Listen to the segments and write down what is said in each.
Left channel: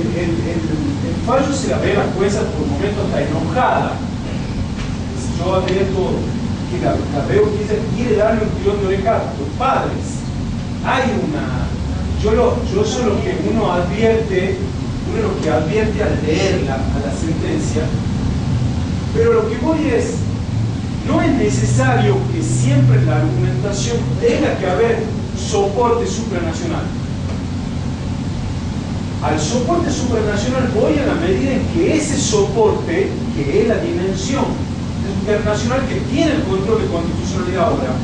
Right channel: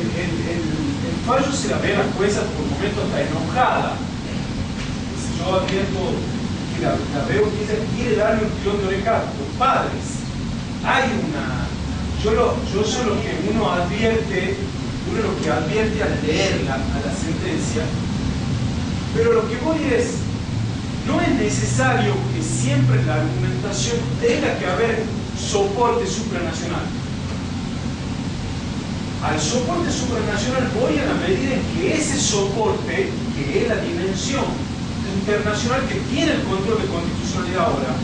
el fallo se la ve a la jueza por momentos hasta enojada. Yo advierto que la veo que ella quiere darle un tirón de oreja a los padres. Hay una... Yo soy lo que uno advierte al leer a la sentencia, pero lo que voy es, no es necesario que siempre la argumentación tenga que haber soporte supranacional. Al soporte supranacional voy a la medida en que ese soporte, que es la dimensión internacional que tiene el control de constitucionalidad ahora,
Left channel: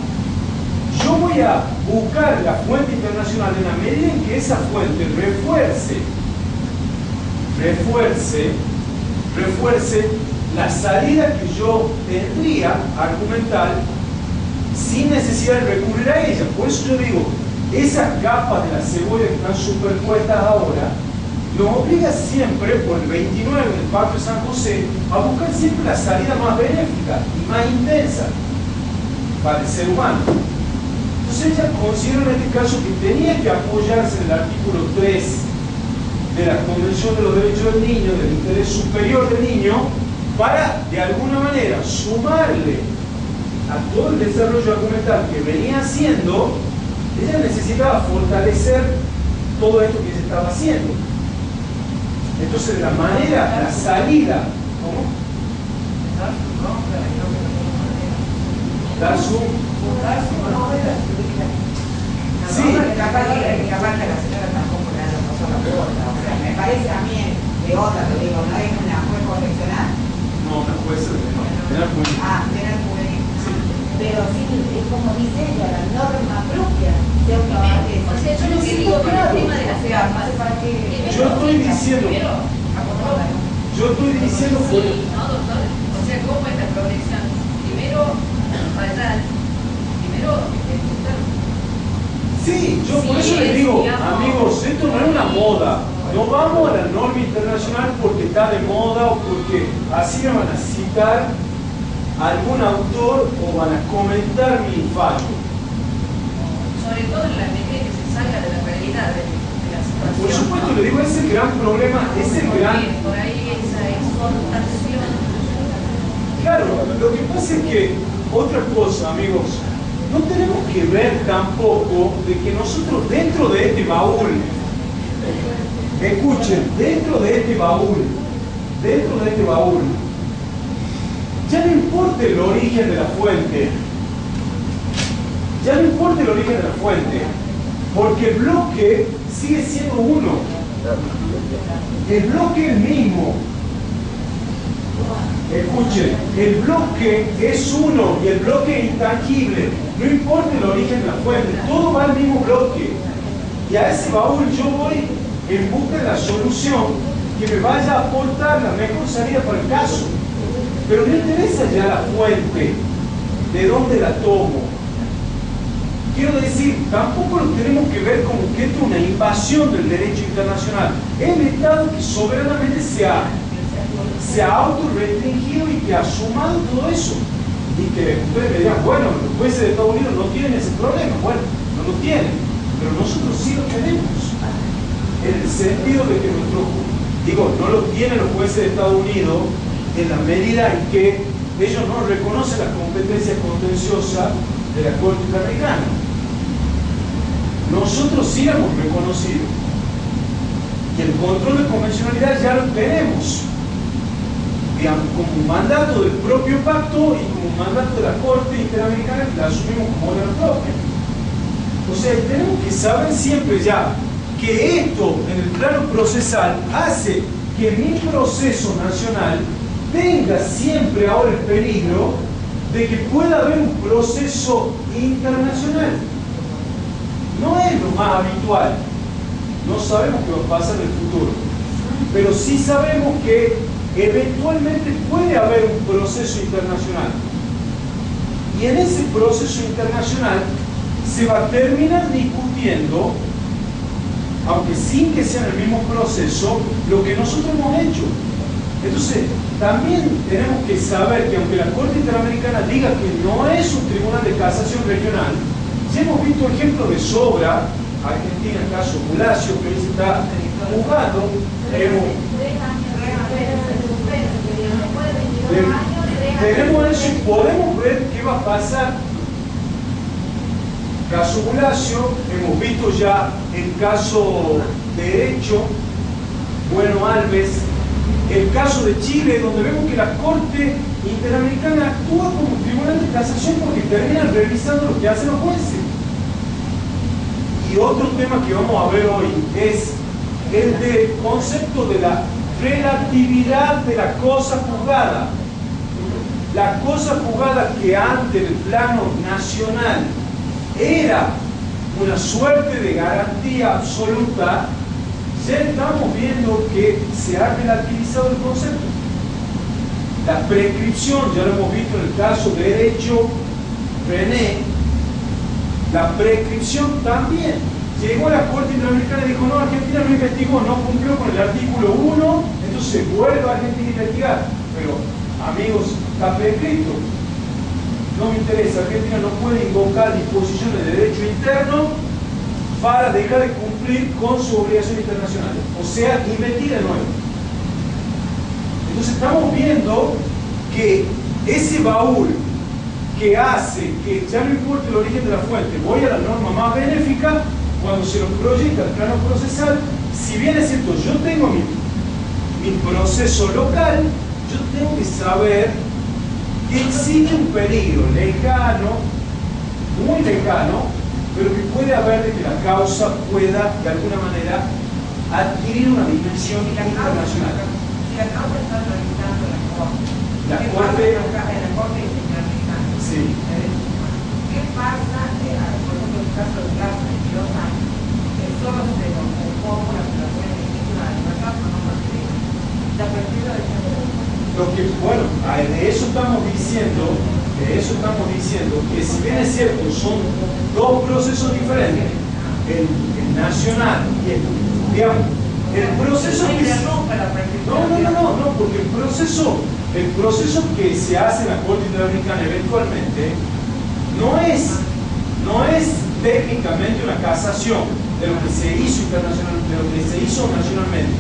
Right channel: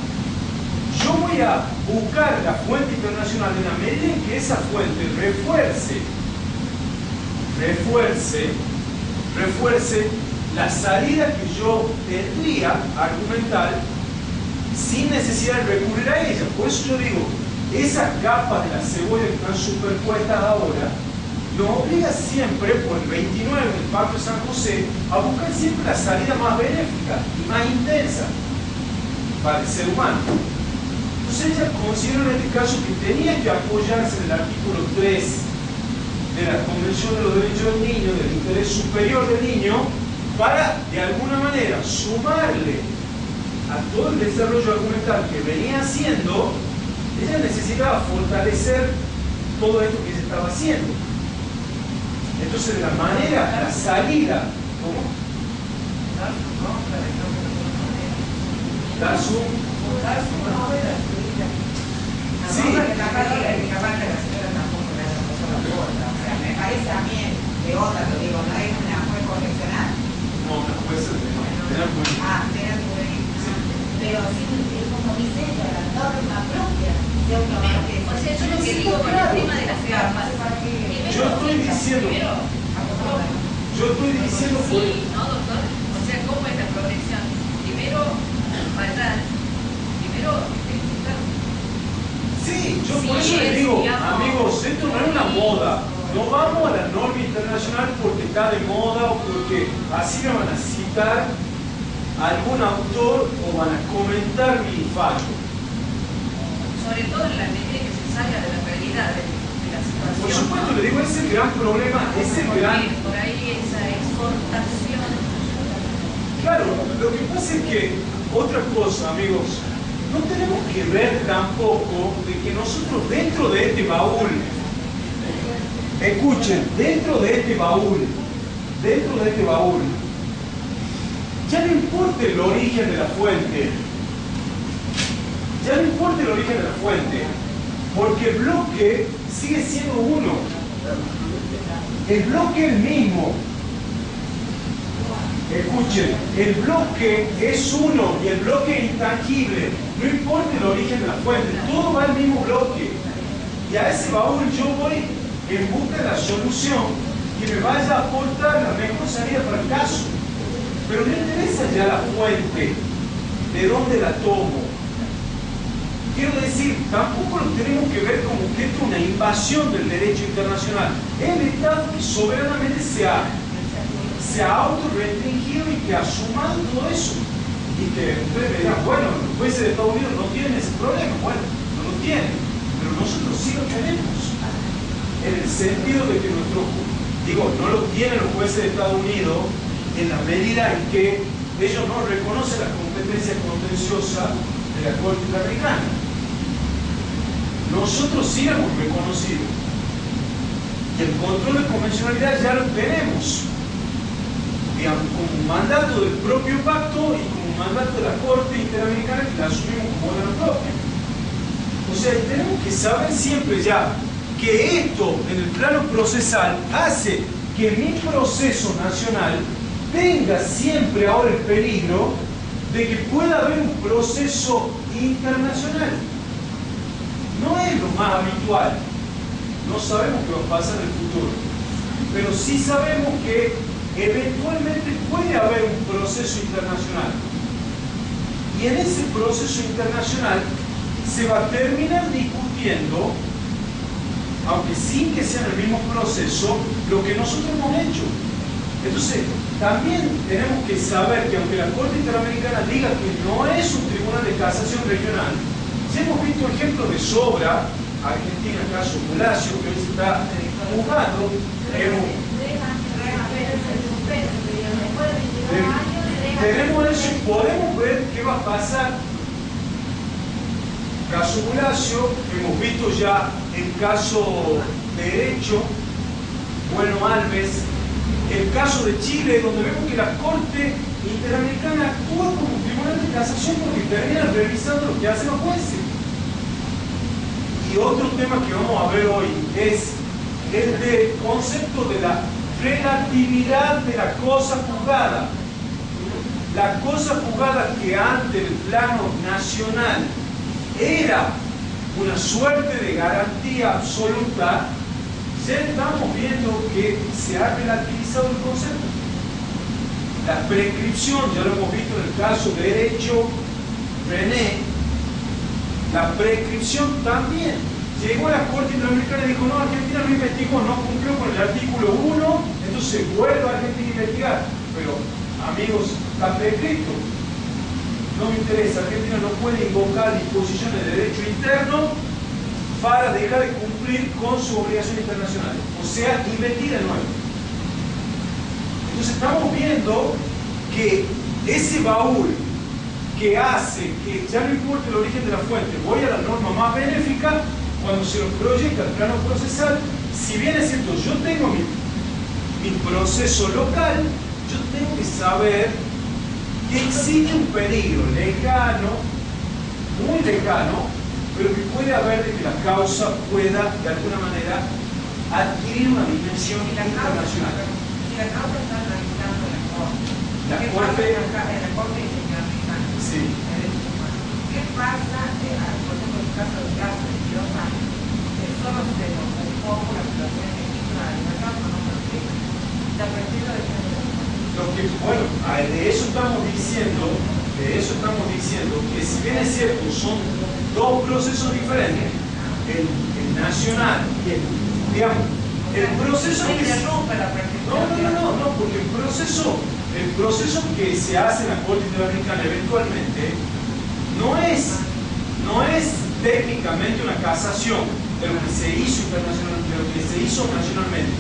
yo voy a buscar la fuente internacional en la medida en que esa fuente refuerce la salida que yo tendría argumental sin necesidad de recurrir a ella. Por eso yo digo, esas capas de la cebolla que están superpuestas ahora nos obliga siempre, por el 29 del Pacto de San José, a buscar siempre la salida más benéfica y más intensa para el ser humano. Entonces ella considera en este caso que tenía que apoyarse en el artículo 3 de la Convención de los Derechos del Niño, del interés superior del niño, para de alguna manera sumarle a todo el desarrollo argumental que venía haciendo. Ella necesitaba fortalecer todo esto que se estaba haciendo. Entonces, la manera, la salida, ¿cómo? Dar su... Sí. Me parece a mí de otra, lo digo, no es una juez correccional. No, una jueza de penal juvenil. Penal juvenil. Pero sí, es como dice ella, la norma propia de otra parte. O sea, yo lo que digo con el tema de las armas, yo estoy diciendo por... Sí, ¿no, doctor? O sea, ¿cómo es la progresión? Primero, faltar. Primero, ejecutar. Sí, yo por eso les digo, amigos, esto no es una moda. No vamos a la norma internacional porque está de moda o porque así me van a citar algún autor o van a comentar mi fallo. Sobre todo en la medida que se salga de la realidad de la situación. Por supuesto, le digo, ese es el gran problema, Por ahí esa exportación. Claro, lo que pasa es que, otra cosa, amigos, no tenemos que ver tampoco de que nosotros dentro de este baúl, escuchen, dentro de este baúl, ya no importa el origen de la fuente, porque el bloque sigue siendo uno, el bloque es el mismo. Escuchen, el bloque es uno y el bloque es intangible. No importa el origen de la fuente, todo va al mismo bloque. Y a ese baúl yo voy en busca de la solución que me vaya a aportar la mejor salida para el caso. Pero me interesa ya la fuente, de dónde la tomo. Quiero decir, tampoco lo tenemos que ver como que esto es una invasión del derecho internacional. Es el Estado que soberanamente se ha autorrestringido y que ha sumado todo eso. Y que ustedes me dirán, bueno, los jueces de Estados Unidos no tienen ese problema. Bueno, no lo tienen, pero nosotros sí lo tenemos. En el sentido de que no lo tienen los jueces de Estados Unidos en la medida en que ellos no reconocen la competencia contenciosa de la Corte Interamericana. Nosotros sí la hemos reconocido. Y el control de convencionalidad ya lo tenemos, digamos, como un mandato del propio pacto y como un mandato de la Corte Interamericana que la asumimos como órgano propio. O sea, tenemos que saber siempre ya que esto en el plano procesal hace que mi proceso nacional tenga siempre ahora el peligro de que pueda haber un proceso internacional. No es lo más habitual. No sabemos qué va a pasar en el futuro. Pero sí sabemos que eventualmente puede haber un proceso internacional. Y en ese proceso internacional se va a terminar discutiendo, aunque sin que sea el mismo proceso, lo que nosotros hemos hecho. Entonces, también tenemos que saber que aunque la Corte Interamericana diga que no es un tribunal de casación regional, ya hemos visto ejemplos de sobra, Argentina, el caso Bulacio, que hoy se está juzgando, Tenemos eso y podemos ver qué va a pasar. Caso Bulacio, hemos visto ya el caso Derecho, Bueno Alves, el caso de Chile, donde vemos que la Corte Interamericana actúa como tribunal de casación porque terminan revisando lo que hacen los jueces. Y otro tema que vamos a ver hoy es el del concepto de la relatividad de la cosa juzgada. La cosa juzgada que ante el plano nacional era una suerte de garantía absoluta, ya estamos viendo que se ha relativizado el concepto. La prescripción, ya lo hemos visto en el caso de Derecho René, la prescripción también. Llegó a la Corte Interamericana y dijo, no, Argentina no investigó, no cumplió con el artículo 1, entonces vuelve a Argentina a investigar. Pero, amigos, está prescrito. No me interesa, Argentina no puede invocar disposiciones de derecho interno para dejar de cumplir con sus obligaciones internacionales. O sea, investiga de nuevo. Entonces estamos viendo que ese baúl que hace que ya no importa el origen de la fuente, voy a la norma más benéfica, cuando se lo proyecta al plano procesal, si bien es cierto, yo tengo mi proceso local, yo tengo que saber que existe un peligro lejano, muy lejano, pero que puede haber de que la causa pueda, de alguna manera, adquirir una dimensión internacional. Si la causa está realizando la Corte, La ¿qué Corte, pasa en la Corte Interamericana? sí. ¿Qué pasa, por ejemplo, en el caso del caso de 22 años, que solo se nos ocupa la violación legítima de la libertad, no mantiene la perspectiva de género? Bueno, de eso estamos diciendo que si bien es cierto, son dos procesos diferentes, el nacional y digamos, el proceso que no, porque el proceso que se hace en la Corte Interamericana eventualmente no es técnicamente una casación de lo que se hizo internacionalmente, de lo que se hizo nacionalmente,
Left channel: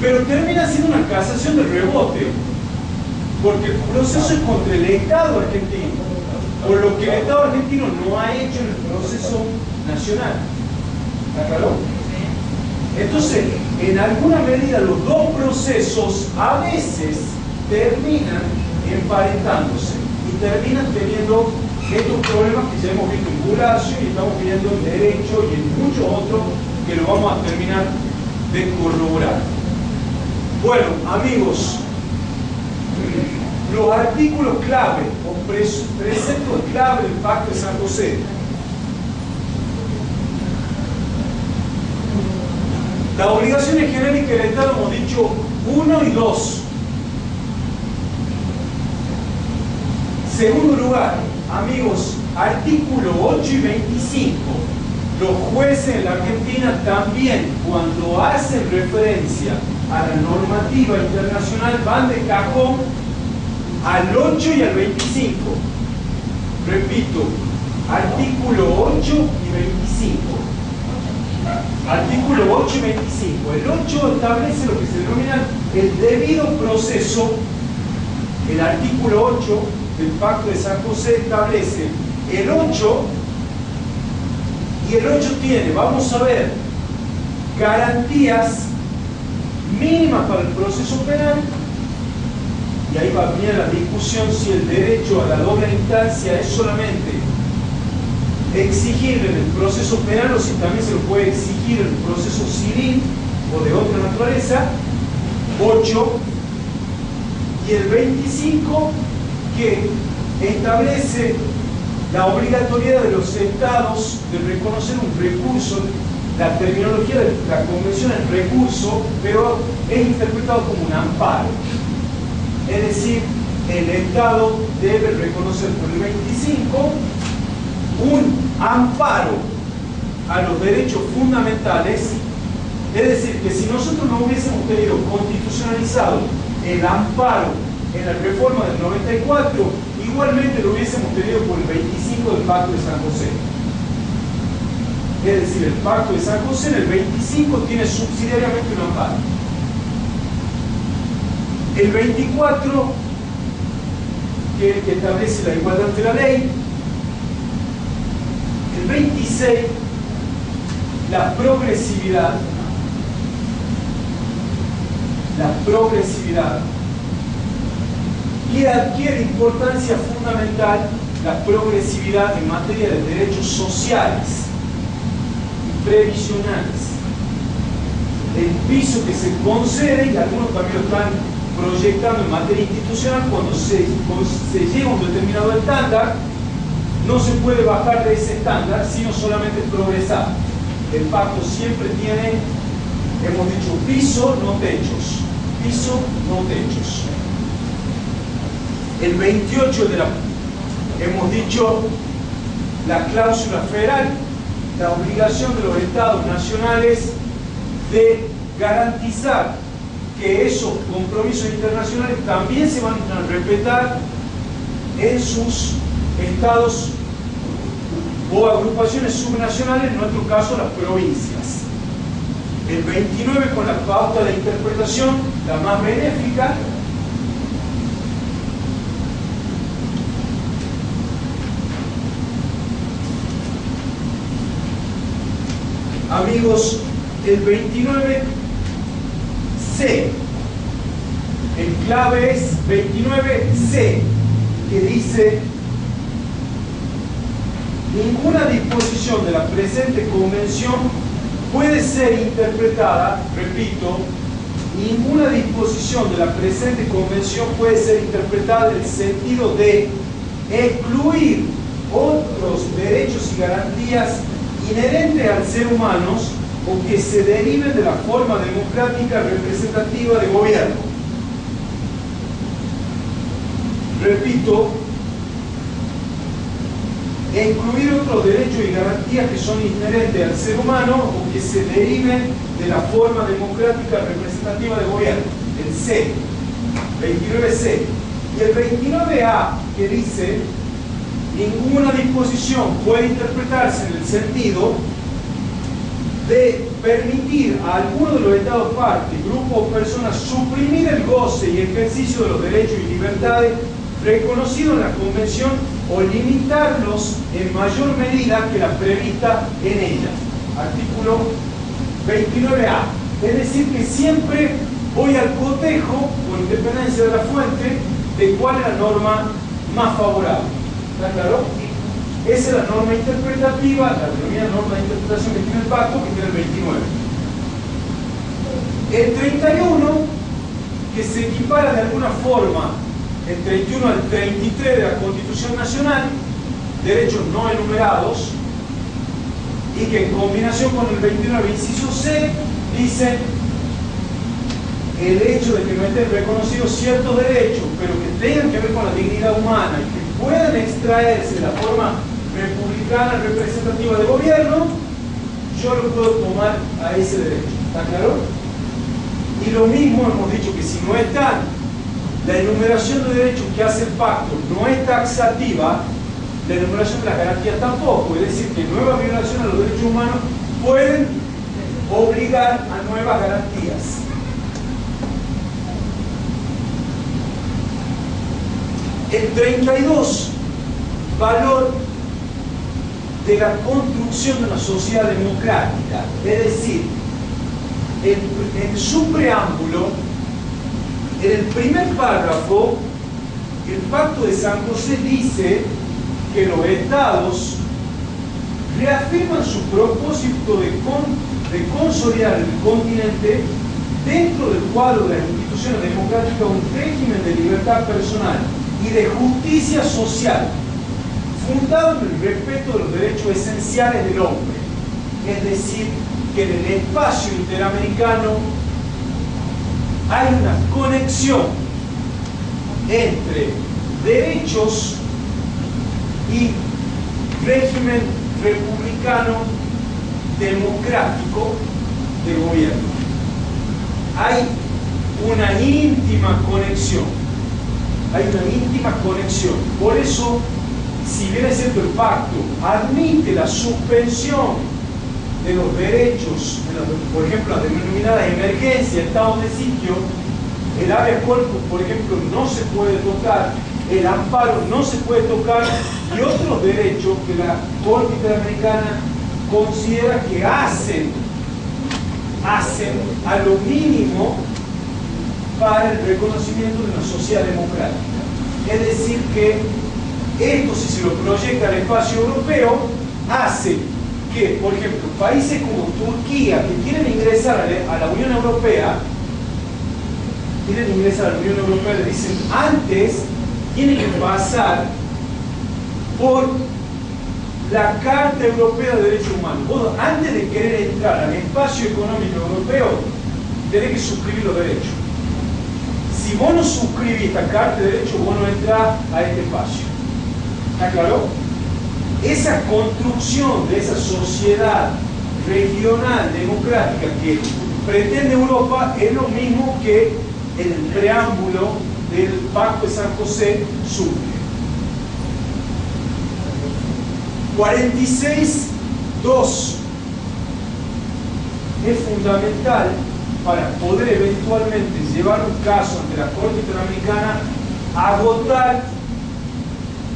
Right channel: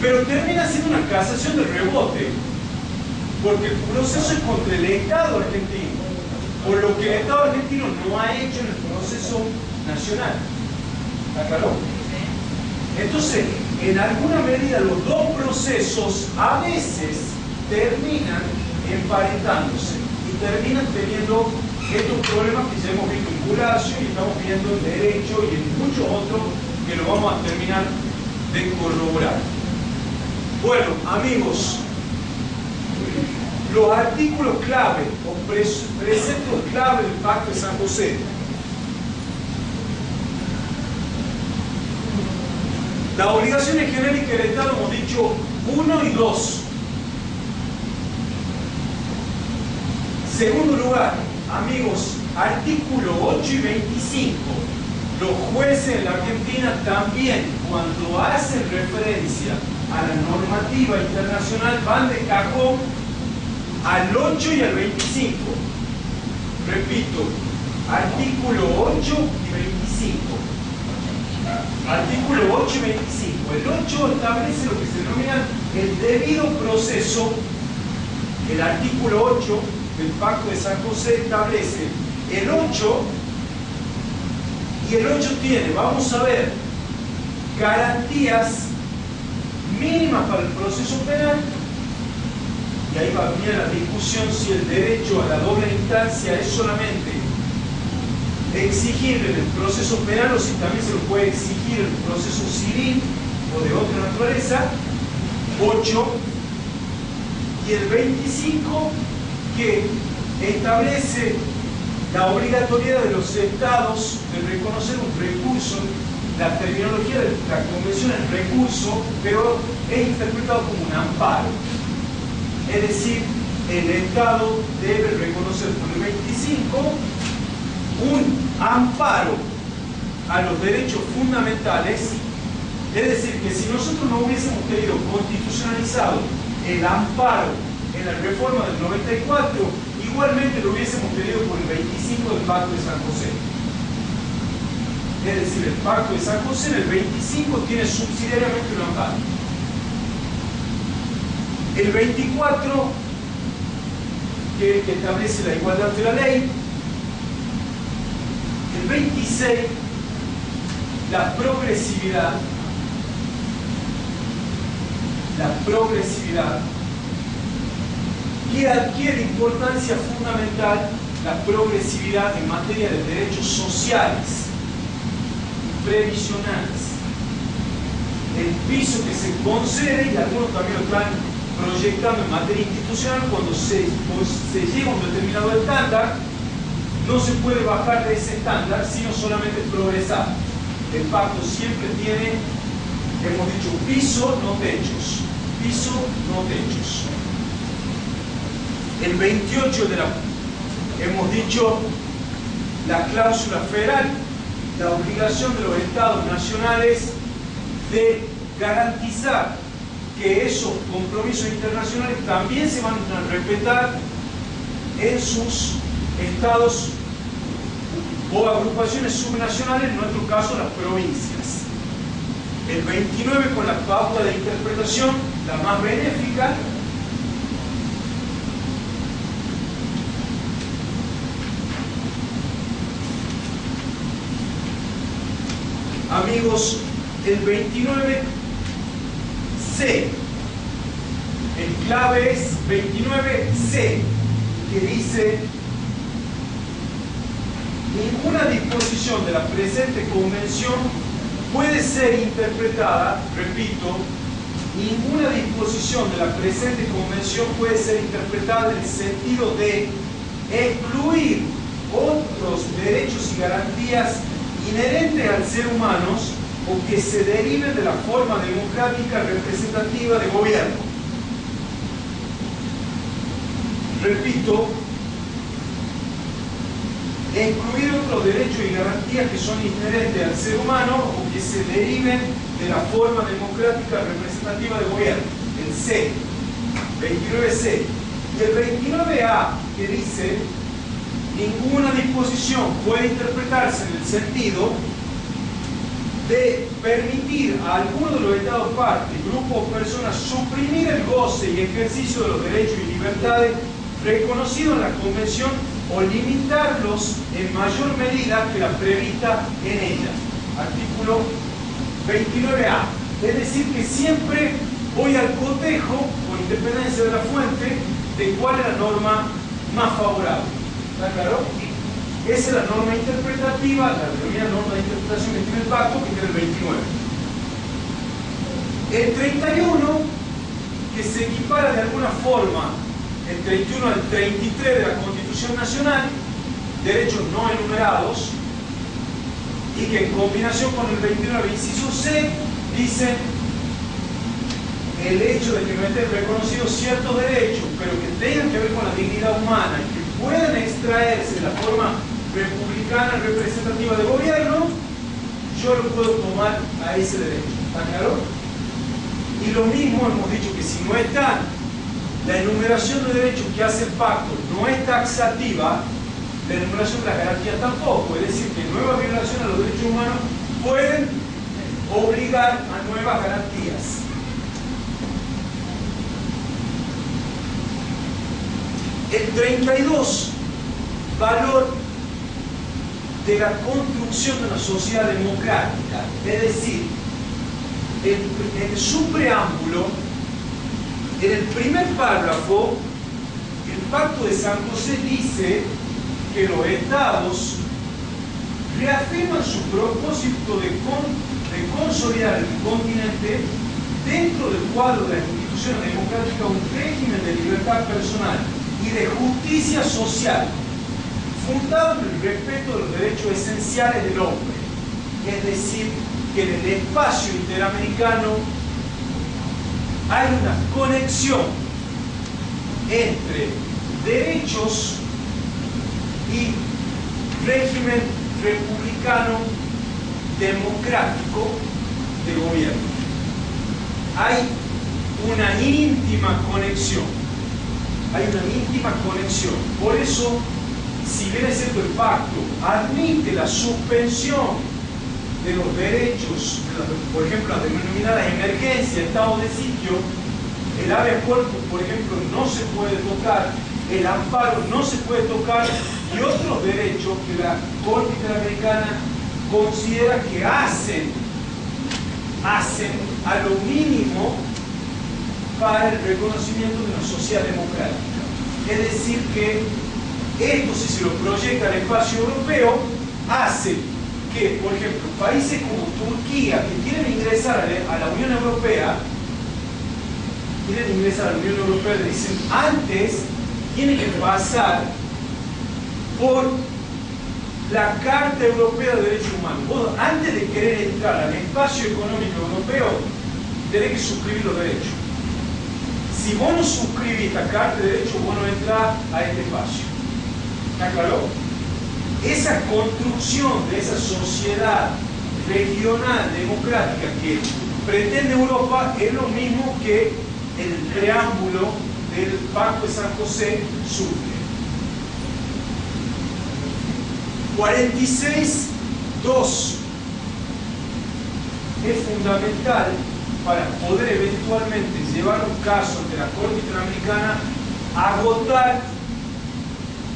pero termina siendo una casación de rebote, porque el proceso es contra el Estado argentino, por lo que el Estado argentino no ha hecho en el proceso nacional. ¿Está claro? Entonces, en alguna medida, los dos procesos a veces terminan emparentándose y terminan teniendo estos problemas que ya hemos visto en Bulacio y estamos viendo en Derecho y en muchos otros que lo vamos a terminar de corroborar. Bueno, amigos, los artículos clave o preceptos clave del Pacto de San José. Las obligaciones genéricas del Estado hemos dicho 1 y 2. Segundo lugar, amigos, artículo 8 y 25. Los jueces en la Argentina también, cuando hacen referencia a la normativa internacional, van de cajón al 8 y al 25. Repito, artículo 8 y 25. Artículo 8 y 25. El 8 establece lo que se denomina el debido proceso. El artículo 8 del Pacto de San José establece el 8 y el 8 tiene, vamos a ver, garantías mínimas para el proceso penal. Y ahí va bien la discusión si el derecho a la doble instancia es solamente exigible en el proceso penal o si también se lo puede exigir en el proceso civil o de otra naturaleza. 8 y el 25 que establece la obligatoriedad de los estados de reconocer un recurso. La terminología de la convención es recurso, pero es interpretado como un amparo. Es decir, el Estado debe reconocer por el 25 un amparo a los derechos fundamentales. Es decir, que si nosotros no hubiésemos tenido constitucionalizado el amparo en la reforma del 94, igualmente lo hubiésemos tenido por el 25 del Pacto de San José. Es decir, el Pacto de San José en el 25 tiene subsidiariamente un amparo. El 24, que es el que establece la igualdad ante la ley. El 26, la progresividad. La progresividad, que adquiere importancia fundamental la progresividad en materia de derechos sociales y previsionales. El piso que se concede, y algunos también lo están proyectando en materia institucional, cuando se llega a un determinado estándar, no se puede bajar de ese estándar, sino solamente progresar. El pacto siempre tiene, hemos dicho, piso, no techos. Piso, no techos. El 28 hemos dicho, la cláusula federal, la obligación de los estados nacionales de garantizar que esos compromisos internacionales también se van a respetar en sus estados o agrupaciones subnacionales, en nuestro caso las provincias. El 29 con la pauta de interpretación, la más benéfica. Amigos, el 29C, el clave es 29C, que dice: ninguna disposición de la presente convención puede ser interpretada, repito, ninguna disposición de la presente convención puede ser interpretada en el sentido de excluir otros derechos y garantías inherentes al ser humano o que se deriven de la forma democrática representativa de gobierno. Repito, excluir otros derechos y garantías que son inherentes al ser humano o que se deriven de la forma democrática representativa de gobierno. El C, 29C. Y el 29A, que dice: ninguna disposición puede interpretarse en el sentido de permitir a alguno de los estados partes, grupos o personas suprimir el goce y ejercicio de los derechos y libertades reconocidos en la Convención o limitarlos en mayor medida que la prevista en ella. Artículo 29A. Es decir, que siempre voy al cotejo, con independencia de la fuente, de cuál es la norma más favorable. ¿Está claro? Esa es la norma interpretativa, la denominada norma de interpretación que tiene el pacto, que tiene el 29. El 31, que se equipara de alguna forma el 31 al 33 de la Constitución Nacional, derechos no enumerados, y que en combinación con el 29, inciso C, dice: el hecho de que no estén reconocidos ciertos derechos, pero que tengan que ver con la dignidad humana y que puedan extraerse de la forma republicana representativa de gobierno, yo lo puedo tomar a ese derecho. ¿Está claro? Y lo mismo hemos dicho, que si no está la enumeración de derechos que hace el pacto no es taxativa, la enumeración de las garantías tampoco. Es decir, que nuevas violaciones a los derechos humanos pueden obligar a nuevas garantías. El 32, valor de la construcción de una sociedad democrática. Es decir, en su preámbulo, en el primer párrafo, el Pacto de San José dice que los estados reafirman su propósito de consolidar el continente dentro del cuadro de las instituciones democráticas, un régimen de libertad personal y de justicia social, fundado en el respeto de los derechos esenciales del hombre. Es decir, que en el espacio interamericano hay una conexión entre derechos y régimen republicano democrático de gobierno. Hay una íntima conexión. Hay una íntima conexión. Por eso, si bien es cierto el pacto admite la suspensión de los derechos, por ejemplo, las denominadas emergencias, estados de sitio, el habeas corpus, por ejemplo, no se puede tocar, el amparo no se puede tocar, y otros derechos que la Corte Interamericana considera que hacen a lo mínimo para el reconocimiento de una sociedad democrática. Es decir, que esto, si se lo proyecta al espacio europeo, hace que, por ejemplo, países como Turquía, que quieren ingresar a la Unión Europea, le dicen, antes tiene que pasar por la Carta Europea de Derechos Humanos. Vos, antes de querer entrar al espacio económico europeo, tenés que suscribir los derechos. Si vos no suscribís esta Carta de Derechos, vos no entrás a este espacio. ¿Está claro? Esa construcción de esa sociedad regional, democrática, que pretende Europa, es lo mismo que el preámbulo del Pacto de San José surge. 46.2 es fundamental para poder eventualmente llevar un caso ante la Corte Interamericana, agotar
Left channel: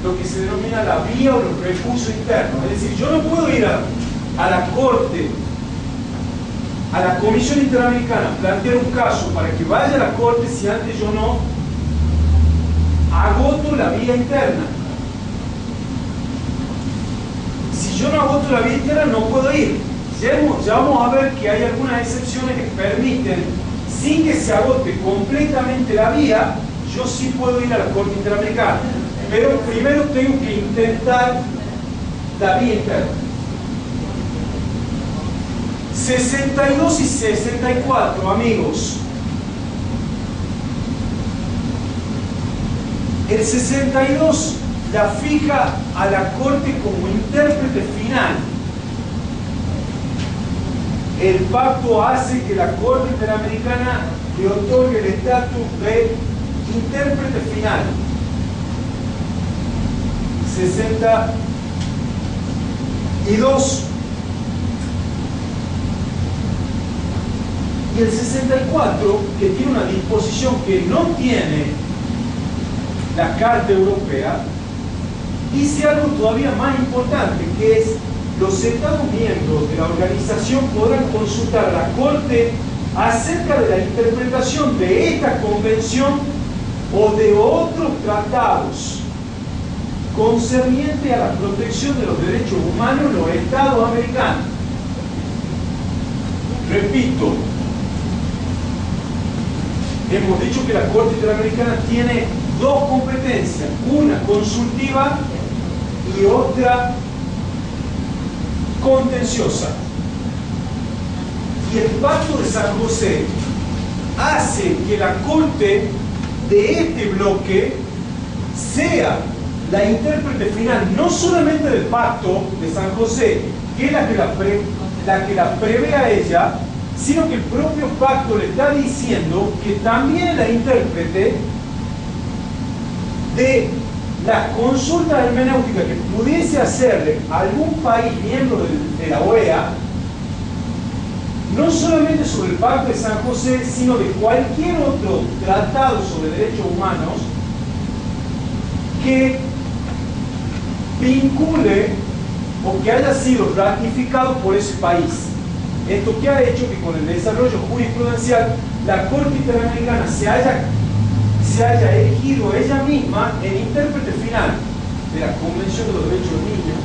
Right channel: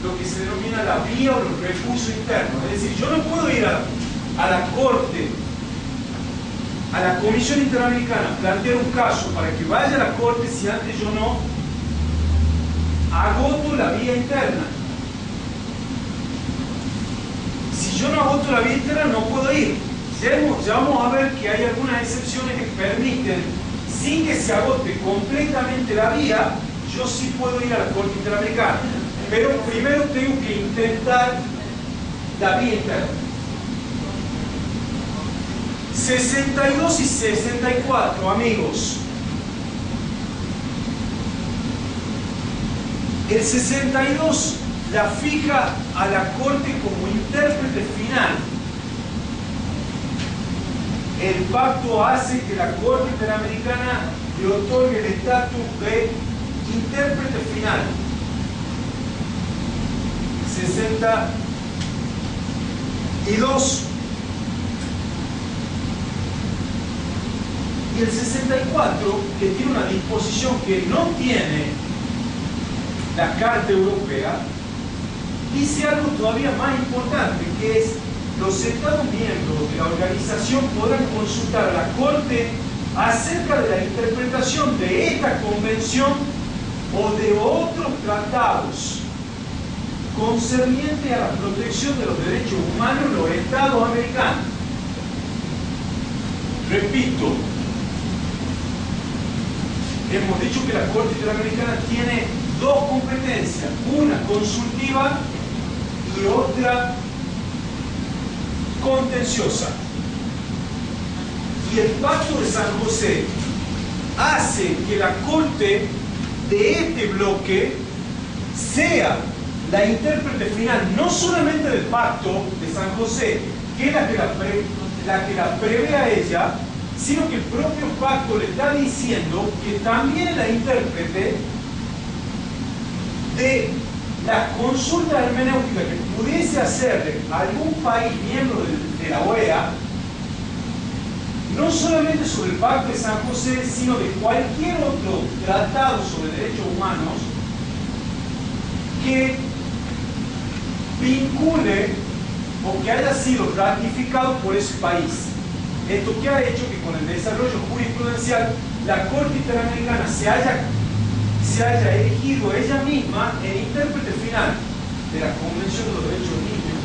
lo que se denomina la vía o los recursos internos. Es decir, yo no puedo ir a la Corte, a la Comisión Interamericana, plantear un caso para que vaya a la Corte si antes yo no agoto la vía interna. Si yo no agoto la vía interna, no puedo ir. Ya vamos a ver que hay algunas excepciones que permiten, sin que se agote completamente la vía, yo sí puedo ir a la Corte Interamericana. Pero primero tengo que intentar la vía interna. 62 y 64, amigos. El 62 la fija a la Corte como intérprete final. El pacto hace que la Corte Interamericana le otorgue el estatus de intérprete final. 62 y el 64, que tiene una disposición que no tiene la Carta Europea, dice algo todavía más importante, que es: los Estados miembros de la organización podrán consultar a la Corte acerca de la interpretación de esta convención o de otros tratados concerniente a la protección de los derechos humanos en los Estados americanos. Repito, hemos dicho que la Corte Interamericana tiene dos competencias, una consultiva y otra contenciosa. Y el Pacto de San José hace que la Corte de este bloque sea la intérprete final, no solamente del Pacto de San José, que es la que la prevé a ella, sino que el propio pacto le está diciendo que también es la intérprete de la consulta hermenéutica que pudiese hacerle a algún país miembro de la OEA, no solamente sobre el Pacto de San José, sino de cualquier otro tratado sobre derechos humanos que vincule o que haya sido ratificado por ese país. Esto que ha hecho que con el desarrollo jurisprudencial la Corte Interamericana se haya elegido ella misma el intérprete final de la Convención de los Derechos del Niño,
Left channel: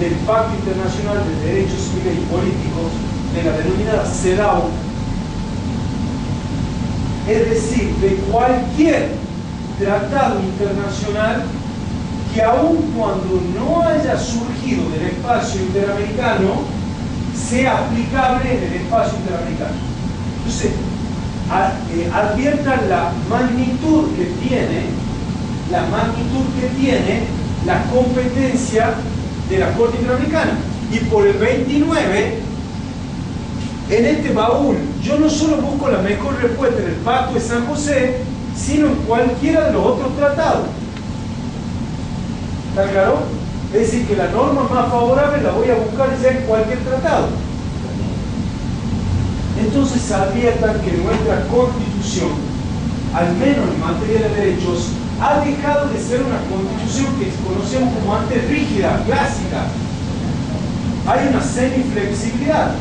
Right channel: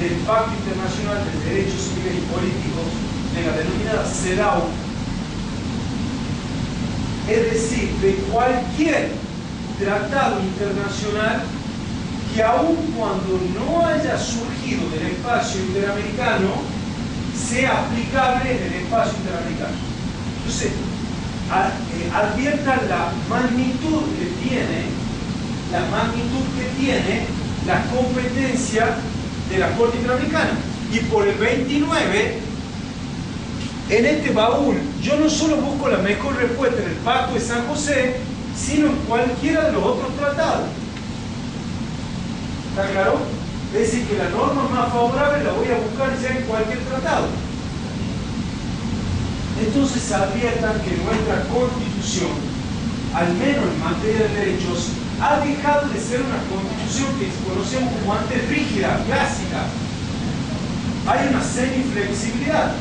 del Pacto Internacional de Derechos Civiles y Políticos, de la denominada CEDAW, es decir, de cualquier tratado internacional que aun cuando no haya surgido del espacio interamericano, sea aplicable en el espacio interamericano. Entonces, adviertan la magnitud que tiene la competencia de la Corte Interamericana. Y por el 29, en este baúl, yo no solo busco la mejor respuesta en el Pacto de San José, sino en cualquiera de los otros tratados. ¿Está claro? Es decir, que la norma más favorable la voy a buscar ya en cualquier tratado. Entonces adviertan que nuestra Constitución al menos en materia de derechos, ha dejado de ser una constitución que conocemos como antes rígida, clásica. Hay una semiflexibilidad.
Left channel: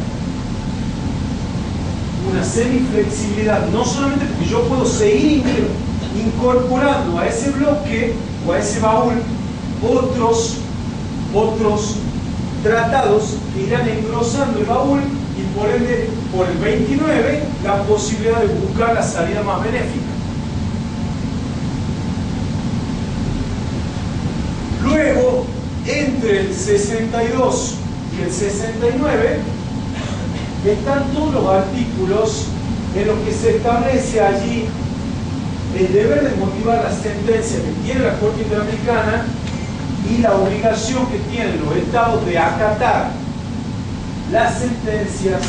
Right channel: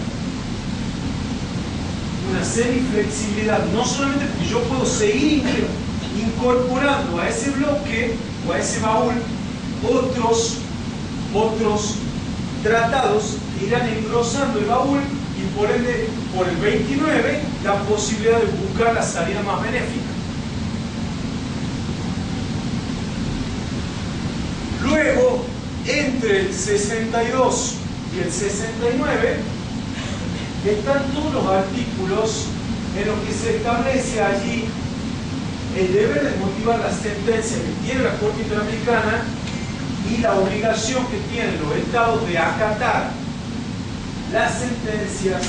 Una semiflexibilidad, no solamente porque yo puedo seguir incorporando a ese bloque o a ese baúl otros tratados que irán engrosando el baúl y por ende, por el 29, la posibilidad de buscar la salida más benéfica. Luego, entre el 62 y el 69, están todos los artículos en los que se establece allí el deber de motivar la sentencia que tiene la Corte Interamericana y la obligación que tienen los estados de acatar las sentencias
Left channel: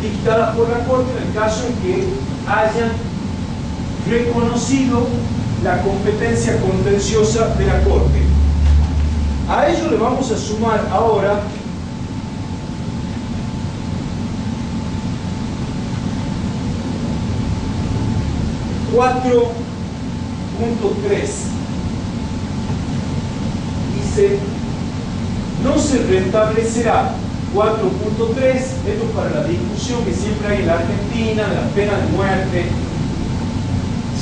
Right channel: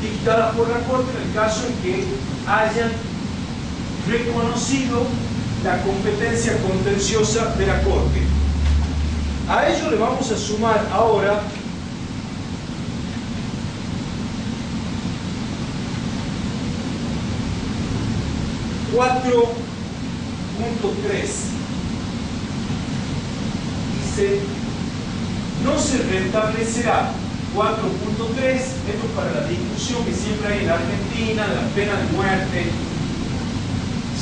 dictadas por la Corte en el caso en que hayan reconocido la competencia contenciosa de la Corte. A ello le vamos a sumar ahora .3 dice, no se restablecerá 4.3, esto es para la discusión que siempre hay en la Argentina, la pena de muerte.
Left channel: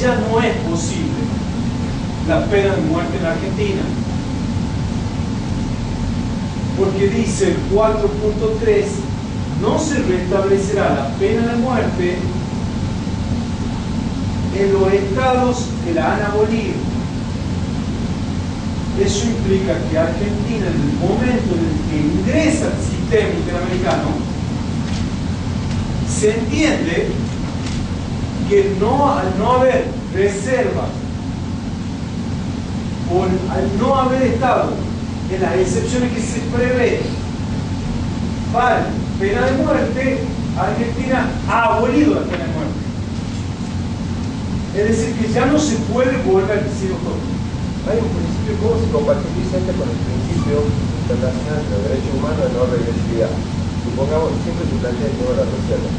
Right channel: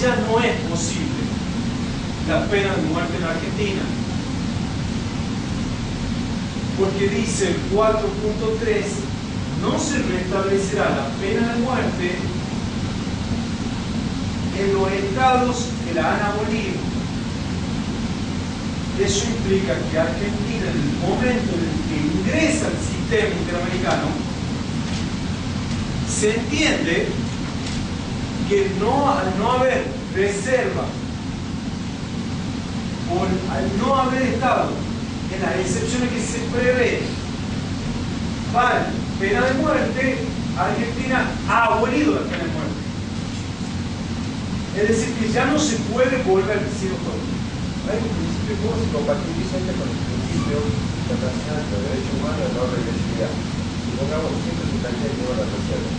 Ya no es posible la pena de muerte en la Argentina, porque dice el 4.3, no se restablecerá la pena de muerte en los estados que la han abolido. Eso implica que Argentina, en el momento en el que ingresa al sistema interamericano, se entiende que al no haber reserva, o al no haber estado en las excepciones que se prevé para pena de muerte, Argentina ha abolido la pena de muerte. Es decir, que ya no se puede volver, si doctor. Hay un principio, ¿cómo se compatibiliza este con el principio internacional de los derechos humanos de no regresividad? Supongamos, siempre se plantea el tema de la reserva.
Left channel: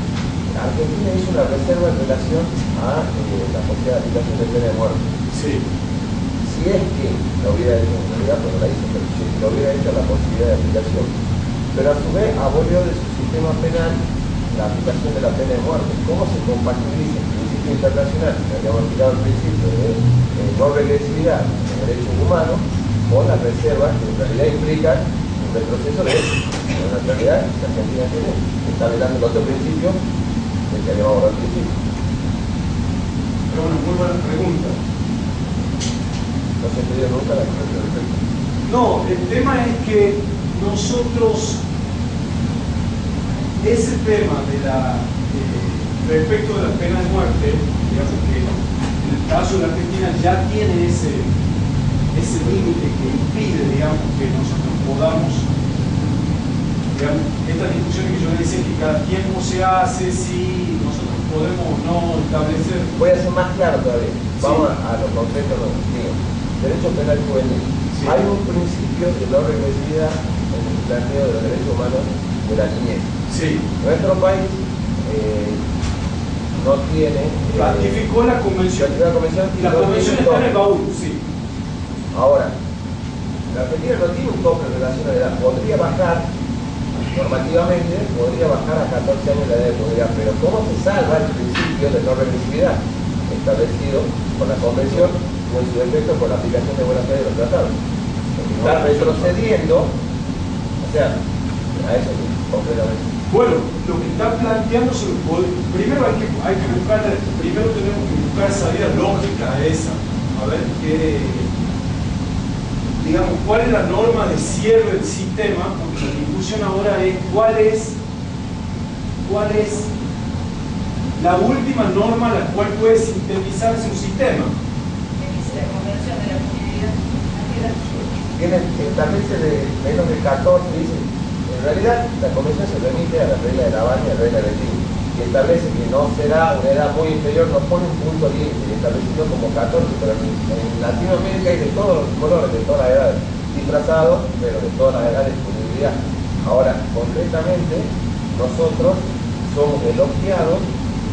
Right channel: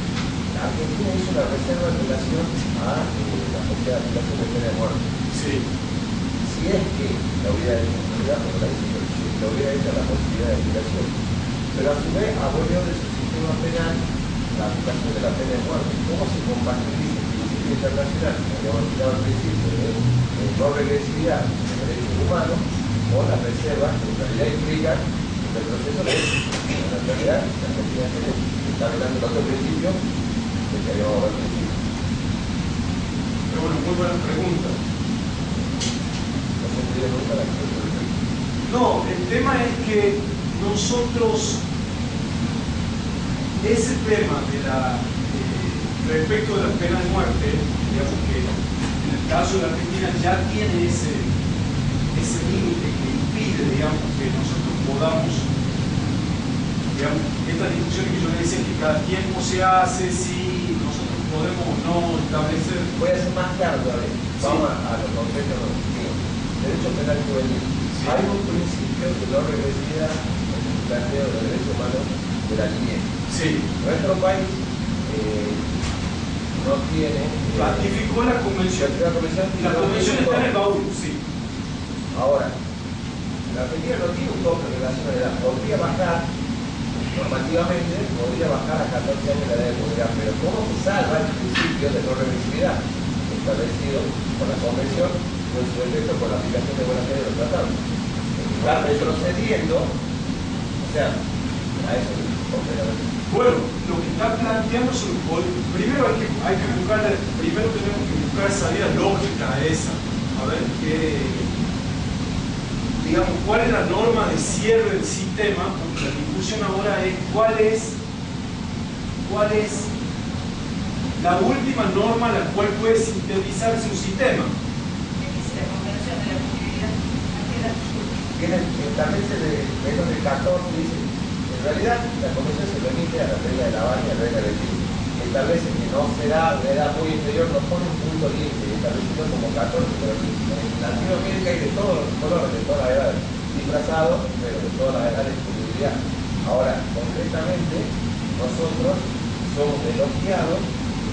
Argentina hizo una reserva en relación a la posibilidad de aplicación de pena de muerte. Sí. Si es que lo hubiera hecho en realidad, no la hizo, pero si lo hubiera hecho la posibilidad de aplicación. Pero a su vez abolió de su sistema penal la aplicación de la pena de muerte. ¿Cómo se compatibiliza el principio internacional, que habíamos explicado al principio, de no regresividad en derechos humanos, con las reservas que en realidad implican un retroceso de hechos? En la realidad, la Argentina tiene, está velando el otro principio del que habíamos hablado al principio. Pero bueno, muy buena pregunta. No se entendió nunca la cuestión. No, el tema es que nosotros, ese tema de respecto de la pena de muerte, digamos que en el caso de la Argentina ya tiene ese límite que impide, digamos, que nosotros podamos, digamos, estas discusiones que yo le decía que cada tiempo se hace, si nosotros podemos o no establecer. Voy a ser más claro todavía. Sí. Vamos a lo concreto mío. Derecho penal juvenil. Sí. Hay un principio de no regresividad en el planteo de los derechos humanos de la niñez. Sí. Nuestro país no tiene... Ratificó la convención. La convención Y la convención está en el baúl, sí. Ahora, la Argentina no tiene un tope en relación a la edad. Podría bajar, normativamente, podría bajar a 14 años la edad de poder, pero ¿cómo se salva el principio de no regresividad establecido por la convención y en su efecto por la aplicación de buena fe de los tratados? Está retrocediendo, o sea, a eso completamente. Bueno, lo que está planteando sobre primero hay que buscar, primero tenemos que buscar salida lógica a esa, a ver qué, digamos, cuál es la norma de cierre del sistema, porque la discusión ahora es cuál es la última norma a la cual puede sintetizarse un sistema. ¿Qué dice la Convención de la Actividad? Establece de menos de 14, dice. En realidad, la convención se remite a la regla de La Habana y a la regla del Tigre, que establece que no será una edad muy inferior, nos pone un punto límite, establecido como 14, pero en Latinoamérica hay de todos los colores, de todas las edades, disfrazados, pero de todas las edades de disponibilidad. Ahora, concretamente, nosotros somos elogiados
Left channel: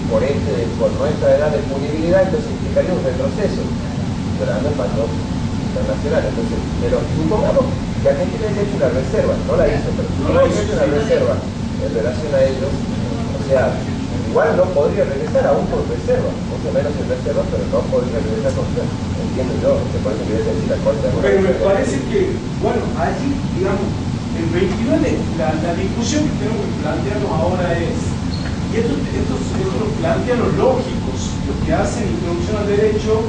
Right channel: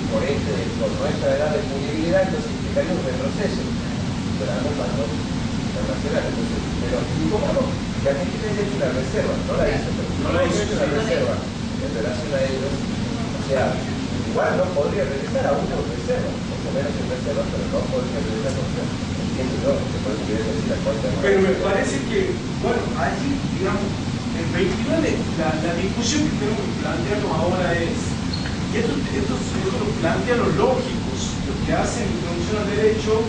por nuestra edad de punibilidad, entonces implicaría un retroceso de las normas internacionales. Entonces, pero supongamos que Argentina haya hecho una reserva, no la hizo, pero no la hizo una reserva en relación a ellos, o sea, igual no podría regresar aún por reserva, mucho menos en reserva, pero no podría regresar con reserva. Entiendo yo, que por eso quiere decir la Corte. Pero me parece que, bueno, allí, digamos, el 29, la discusión que tenemos que plantearnos ahora es, y esto lo plantean los lógicos, los que hacen introducción al derecho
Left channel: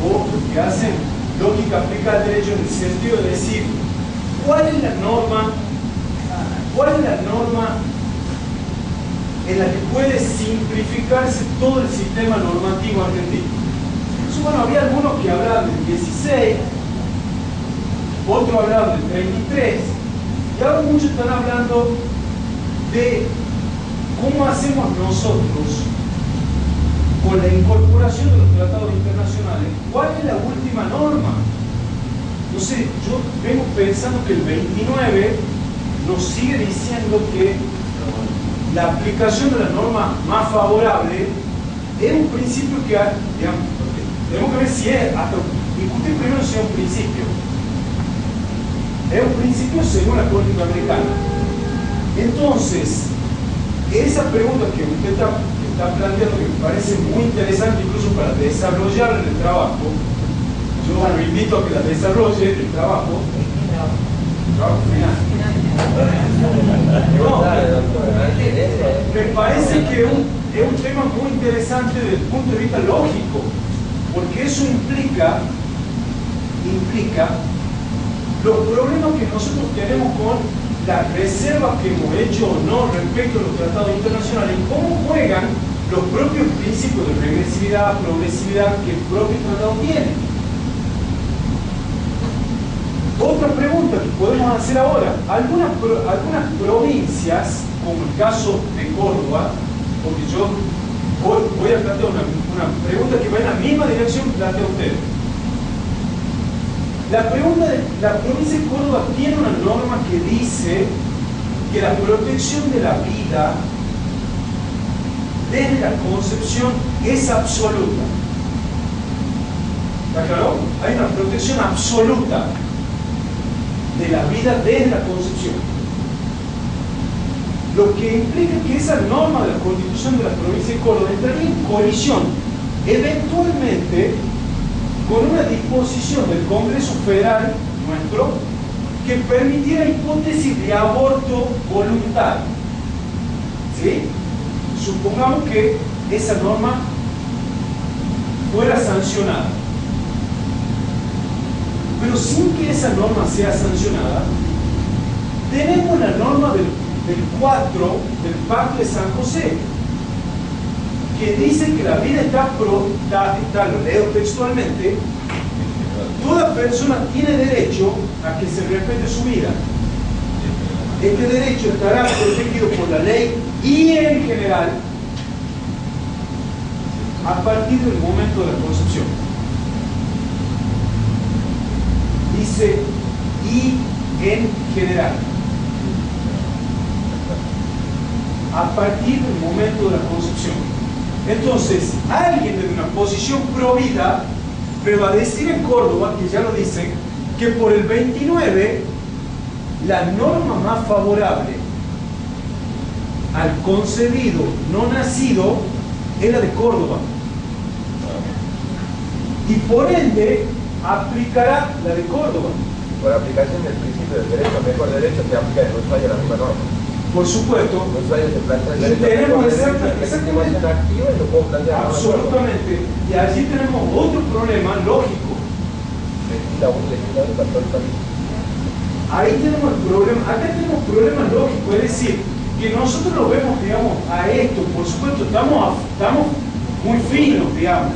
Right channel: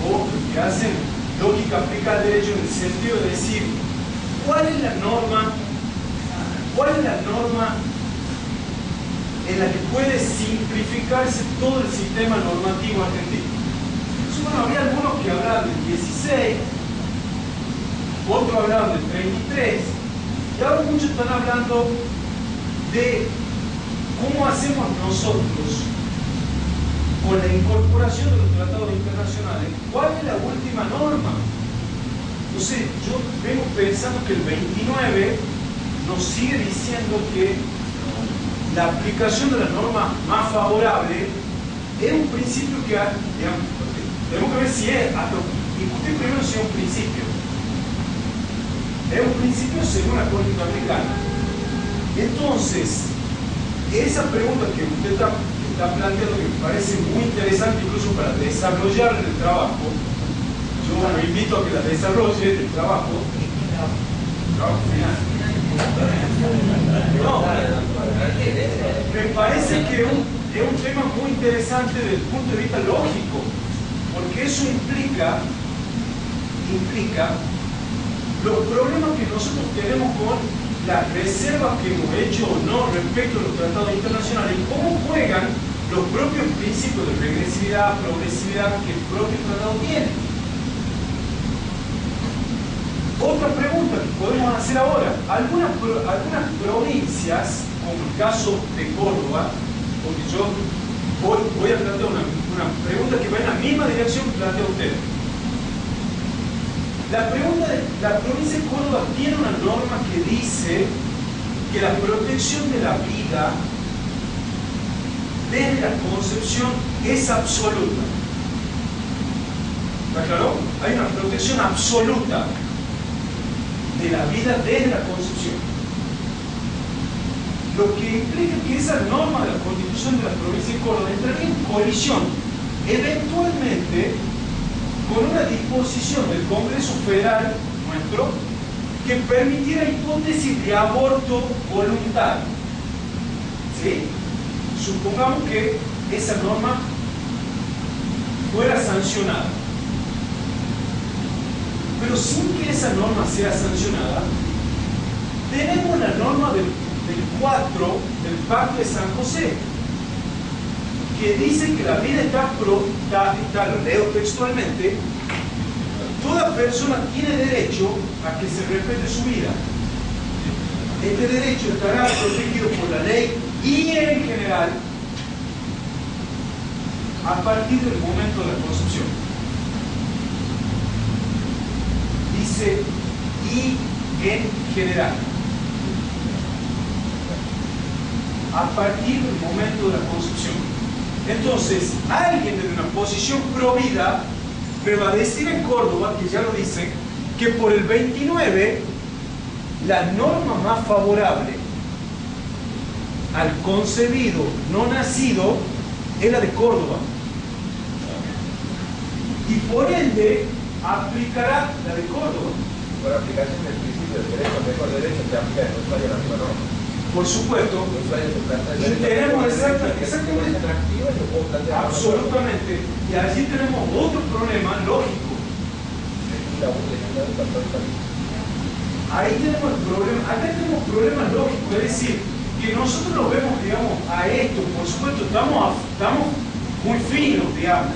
o los que hacen lógica aplicada al derecho en el sentido de decir, ¿cuál es la norma en la que puede simplificarse todo el sistema normativo argentino? Entonces, bueno, había algunos que hablaban del 16, otros hablaban del 33, y ahora muchos están hablando de cómo hacemos nosotros con la incorporación de los tratados internacionales. ¿Cuál es la última norma? Entonces, yo vengo pensando que el 29 nos sigue diciendo que la aplicación de la norma más favorable es un principio que, digamos, tenemos que ver si es, hasta discutir primero si es un principio. Es un principio según la Corte Interamericana. Entonces, esa pregunta que usted está planteando, que me parece muy interesante incluso para desarrollar el trabajo, yo lo invito a que la desarrolle el trabajo final. No, me parece que es un tema muy interesante desde el punto de vista lógico, porque eso implica los problemas que nosotros tenemos con las reservas que hemos hecho o no respecto a los tratados internacionales y cómo juegan los propios principios de regresividad, progresividad que el propio tratado tiene. Otra pregunta que podemos hacer ahora, algunas provincias, como el caso de Córdoba, porque yo voy a plantear una pregunta que va en la misma dirección que plantea usted. La provincia de Córdoba tiene una norma que dice que la protección de la vida desde la concepción es absoluta. ¿Está claro? Hay una protección absoluta de la vida desde la concepción. Lo que implica que esa norma de la Constitución de la provincia de Córdoba entraría en colisión eventualmente con una disposición del Congreso Federal nuestro que permitiera hipótesis de aborto voluntario. ¿Sí? Supongamos que esa norma fuera sancionada. Pero sin que esa norma sea sancionada, tenemos la norma del 4 del Pacto de San José, que dice que la vida está, lo leo textualmente, toda persona tiene derecho a que se respete su vida. Este derecho estará protegido por la ley y en general a partir del momento de la concepción. Dice y en general. A partir del momento de la concepción. Entonces, alguien desde una posición pro vida me va a decir en Córdoba, que ya lo dice, que por el 29 la norma más favorable al concebido no nacido es la de Córdoba. Y por ende aplicará la de Córdoba. Por aplicación del principio del derecho al mejor derecho se aplica en Ushuaia la misma norma. Por supuesto. En Ushuaia se plantea el Y tenemos exactamente. Absolutamente. Y allí tenemos otro problema lógico. Ahí tenemos el problema. Acá tenemos problemas lógicos, es decir, que nosotros lo vemos, digamos, a esto, por supuesto, estamos muy finos, digamos.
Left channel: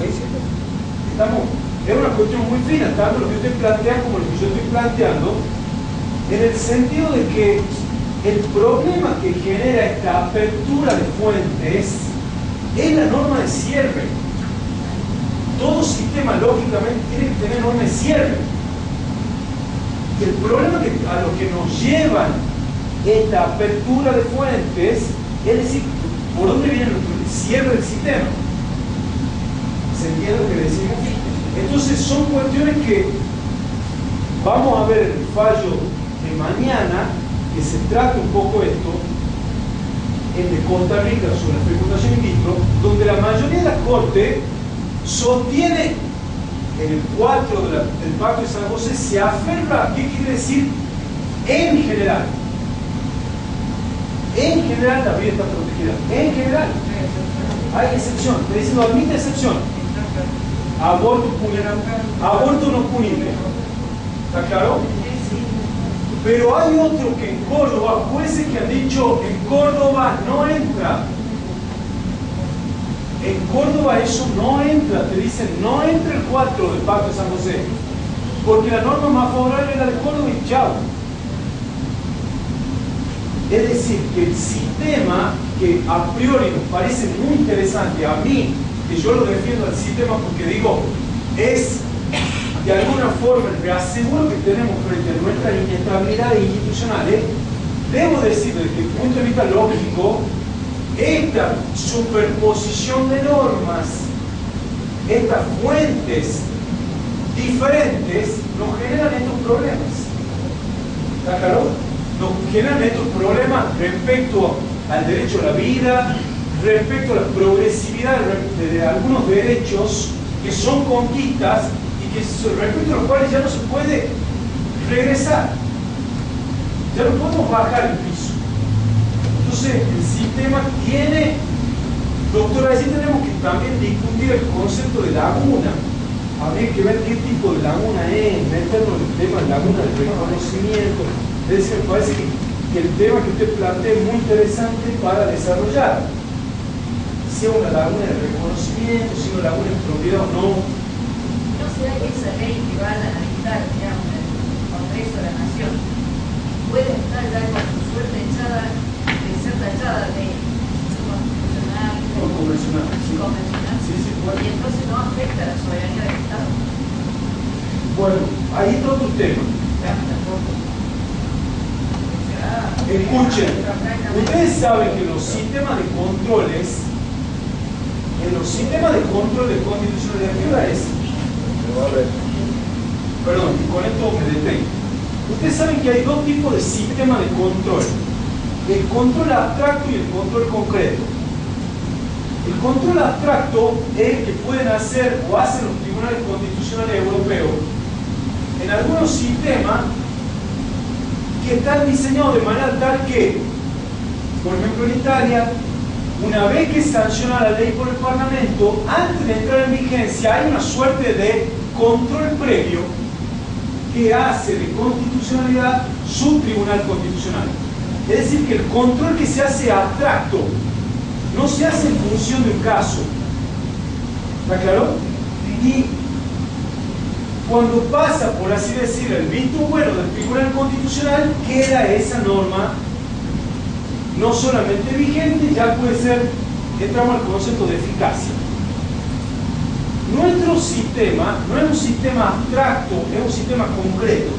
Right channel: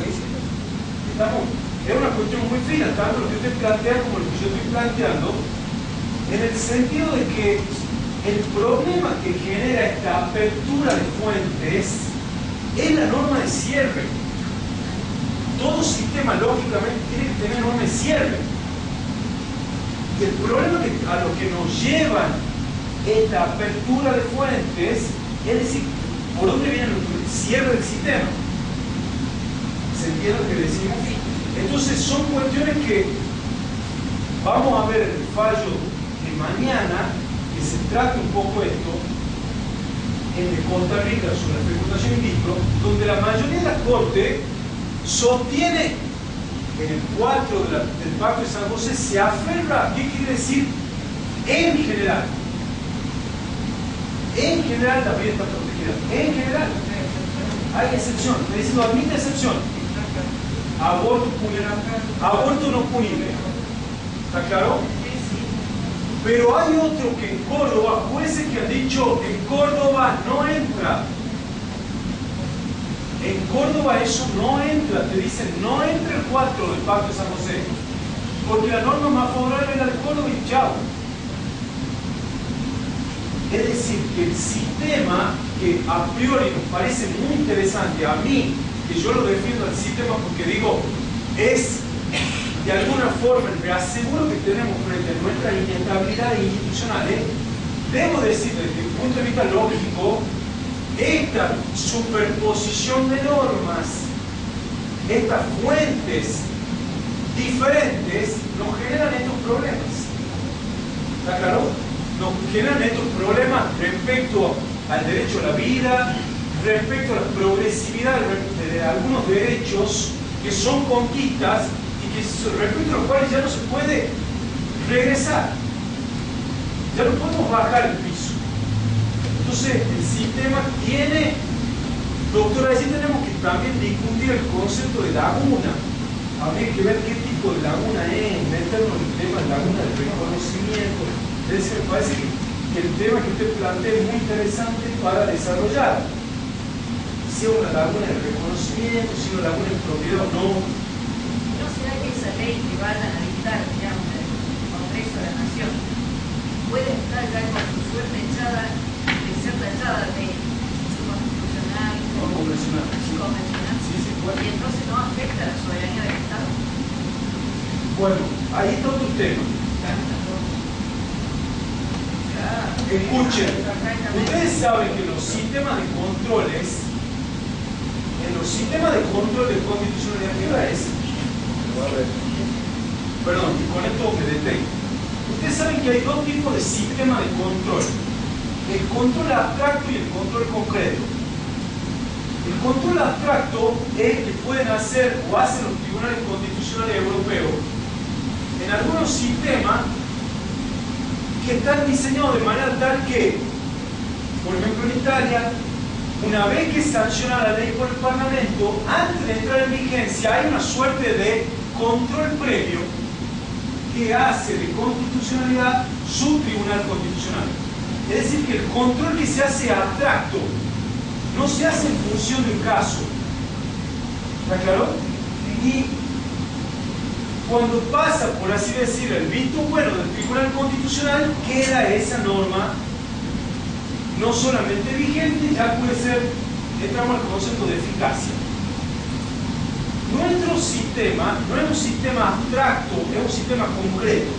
Es una cuestión muy fina, tanto lo que usted plantea como lo que yo estoy planteando, en el sentido de que el problema que genera esta apertura de fuentes es la norma de cierre. Todo sistema lógicamente tiene que tener norma de cierre. Y el problema a lo que nos llevan esta apertura de fuentes es decir, ¿por dónde viene el cierra el sistema. ¿Se entiende lo que decimos? Entonces son cuestiones que vamos a ver el fallo de mañana, que se trata un poco esto, el de Costa Rica sobre la fecundación in vitro, donde la mayoría de la Corte sostiene en el 4 del Pacto de San José, se aferra, ¿qué quiere decir? En general. En general la vida está protegida. En general. Hay excepción. Está diciendo, admite excepción. Aborto punible. Aborto no punible. ¿Está claro? Pero hay otro que en Córdoba, jueces que han dicho, en Córdoba no entra. En Córdoba eso no entra, te dicen, no entra el 4 del Pacto de San José, porque la norma más favorable es la de Córdoba y chao. Es decir, que el sistema que a priori nos parece muy interesante, a mí, que yo lo defiendo al sistema porque digo, es de alguna forma el reaseguro que tenemos frente a nuestras inestabilidades institucionales, debo decir desde el punto de vista lógico, esta superposición de normas, estas fuentes diferentes, nos generan estos problemas. ¿Está claro? Nos generan estos problemas respecto al derecho a la vida, respecto a la progresividad de algunos derechos que son conquistas y que respecto a los cuales ya no se puede regresar. Ya no podemos bajar el piso. Entonces, el sistema tiene, doctora, así tenemos que también discutir el concepto de laguna. Habría que ver qué tipo de laguna es, meternos en el tema de laguna del reconocimiento. Es decir, me parece que el tema que usted plantea es muy interesante para desarrollar. Si es una laguna de reconocimiento, si es una laguna de propiedad o no. ¿No será que esa ley que van a dictar, digamos, el Congreso de la Nación, puede estar ya con su suerte echada, de ser tachada de constitucional, No convencional. Sí. convencional? Sí, sí, puede. Y entonces no afecta a la soberanía del Estado. Bueno, ahí está otro tema. Escuchen, ustedes saben que los sistemas de controles, en los sistemas de control de constitucionalidad, ¿qué hora es? Perdón, y con esto me detengo. Ustedes saben que hay dos tipos de sistemas de control: el control abstracto y el control concreto. El control abstracto es el que pueden hacer o hacen los tribunales constitucionales europeos en algunos sistemas que están diseñados de manera tal que, por ejemplo en Italia, una vez que sanciona la ley por el Parlamento, antes de entrar en vigencia hay una suerte de control previo que hace de constitucionalidad su tribunal constitucional. Es decir, que el control que se hace abstracto no se hace en función de un caso. ¿Está claro? Y cuando pasa, por así decirlo, el visto bueno del Tribunal Constitucional, queda esa norma no solamente vigente, ya puede ser, entramos al concepto de eficacia. Nuestro sistema no es un sistema abstracto, es un sistema concreto,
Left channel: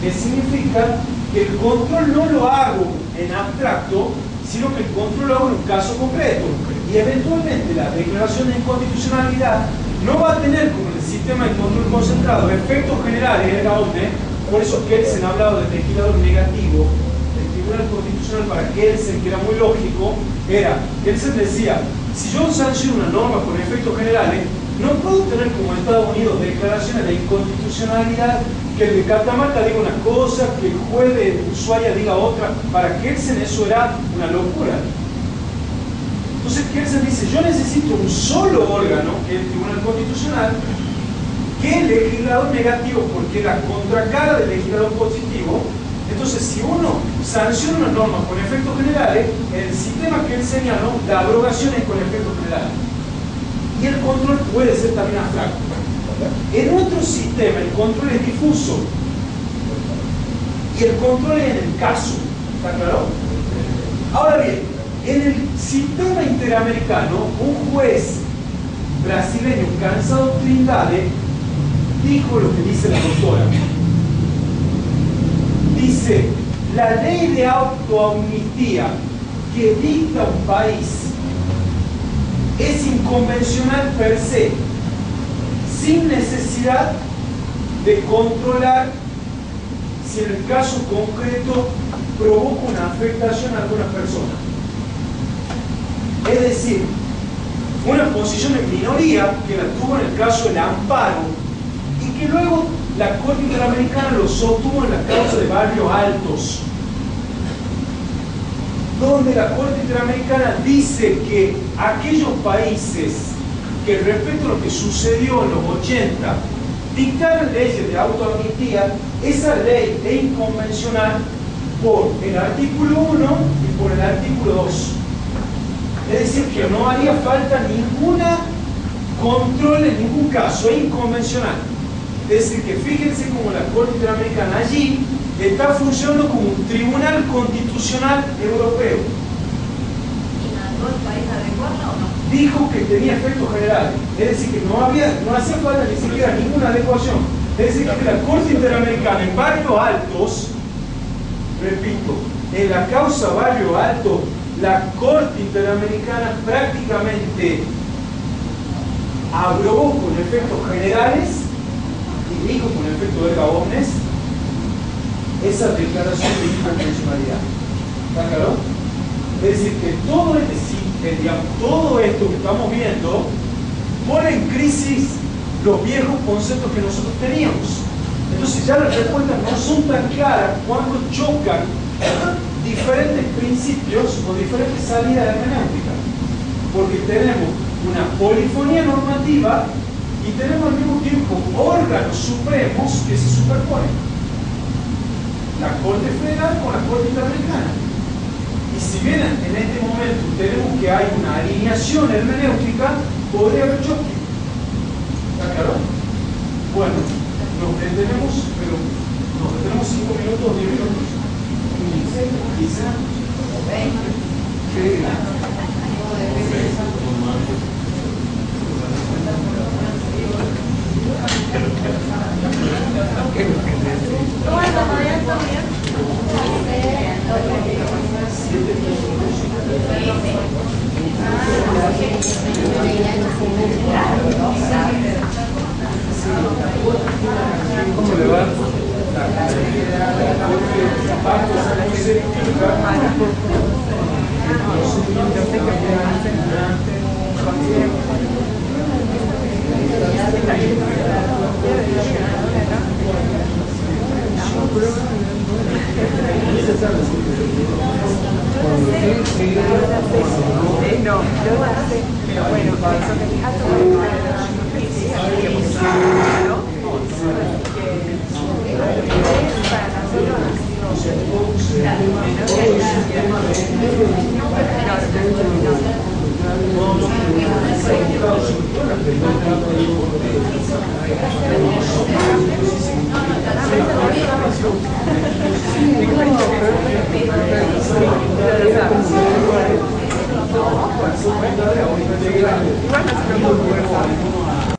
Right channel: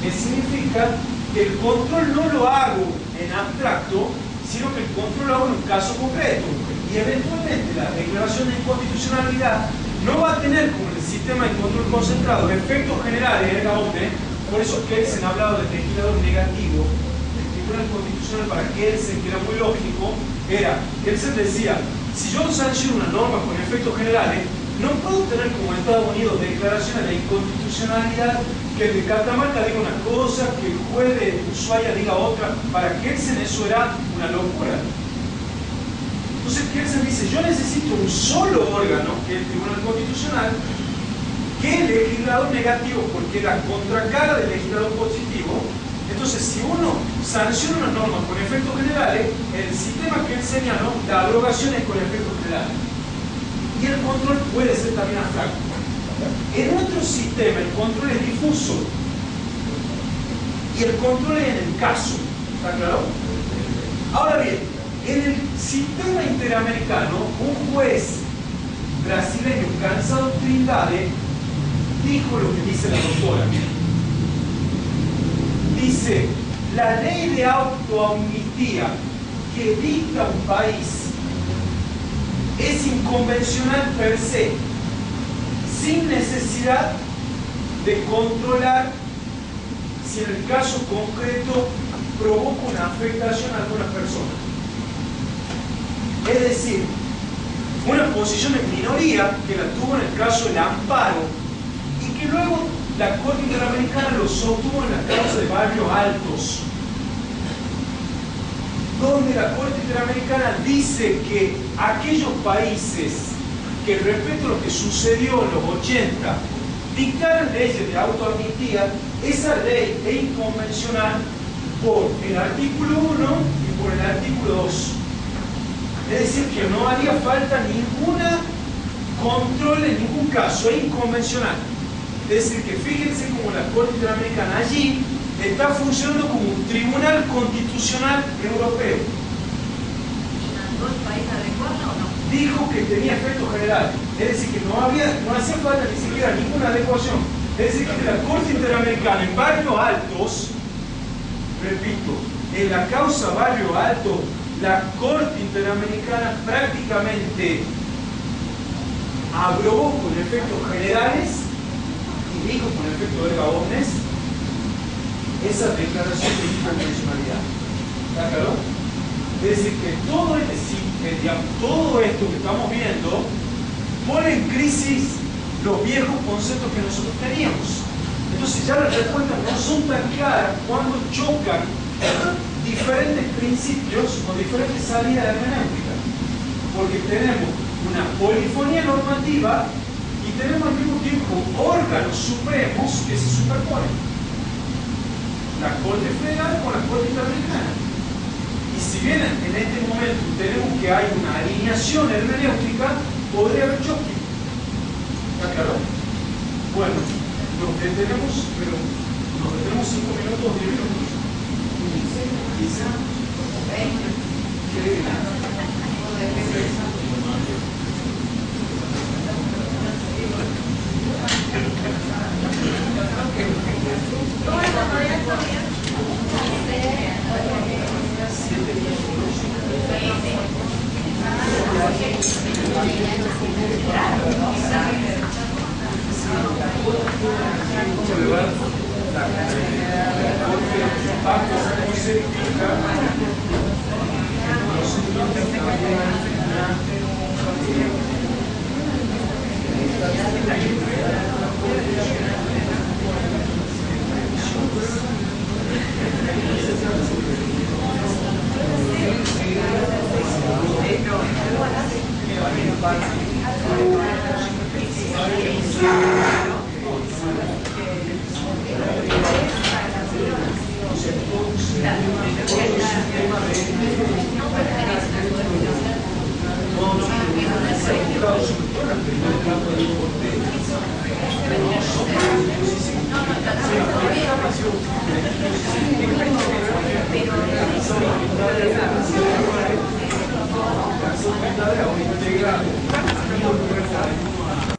que significa que el control no lo hago en abstracto, sino que el control lo hago en un caso concreto. Y eventualmente la declaración de inconstitucionalidad no va a tener, como el sistema de control concentrado, efectos generales, erga omnes. Por eso Kelsen ha hablado de legislador negativo. El Tribunal Constitucional para Kelsen, que era muy lógico, Kelsen decía, si yo sanciono una norma con efectos generales, no puedo tener como Estados Unidos declaraciones de inconstitucionalidad, que el de Catamarca diga una cosa, que el juez de Ushuaia diga otra. Para Kelsen eso era una locura. Entonces Kelsen dice, yo necesito un solo órgano, que es el Tribunal Constitucional, que el legislador negativo, porque la contracara del legislador positivo. Entonces, si uno sanciona una norma con efectos generales, el sistema que él señaló, la abrogación es con efectos generales. Y el control puede ser también abstracto. En nuestro sistema el control es difuso. Y el control es en el caso. ¿Está claro? Ahora bien, en el sistema interamericano, un juez brasileño, Cansado Trindade, dijo lo que dice la doctora. Dice, la ley de autoamnistía que dicta un país es inconvencional per se, sin necesidad de controlar si en el caso concreto provoca una afectación a alguna persona. Es decir, una posición en minoría que la tuvo en el caso del amparo y que luego la Corte Interamericana lo sostuvo en la causa de Barrios Altos, donde la Corte Interamericana dice que aquellos países que respecto a lo que sucedió en los 80 dictaron leyes de autoamnistía, esa ley es inconvencional por el artículo 1 y por el artículo 2. Es decir, que no haría falta ninguna control en ningún caso, es inconvencional. Es decir, que fíjense como la Corte Interamericana allí está funcionando como un tribunal constitucional europeo. ¿Y mandó el país a adecuarla o no? Dijo que tenía efectos generales, es decir, que no hacía falta ni siquiera ninguna adecuación. Es decir, que la Corte Interamericana en Barrios Altos, repito, en la causa Barrios Altos, la Corte Interamericana prácticamente aprobó con efectos generales y dijo con efecto de Gabones esa declaración de inconvencionalidad. ¿Está claro? Es decir, que todo esto que estamos viendo pone en crisis los viejos conceptos que nosotros teníamos. Entonces ya las respuestas no son tan claras cuando chocan diferentes principios o diferentes salidas de hermenéutica. Porque tenemos una polifonía normativa y tenemos al mismo tiempo órganos supremos que se superponen. La Corte Federal con la Corte Interamericana. Y si bien en este momento tenemos que hay una alineación hermenéutica, podría haber choque. ¿Está claro? Bueno, nos detenemos, pero nos detenemos 5 minutos, 10 minutos. 15, 20. ¿Cómo le va?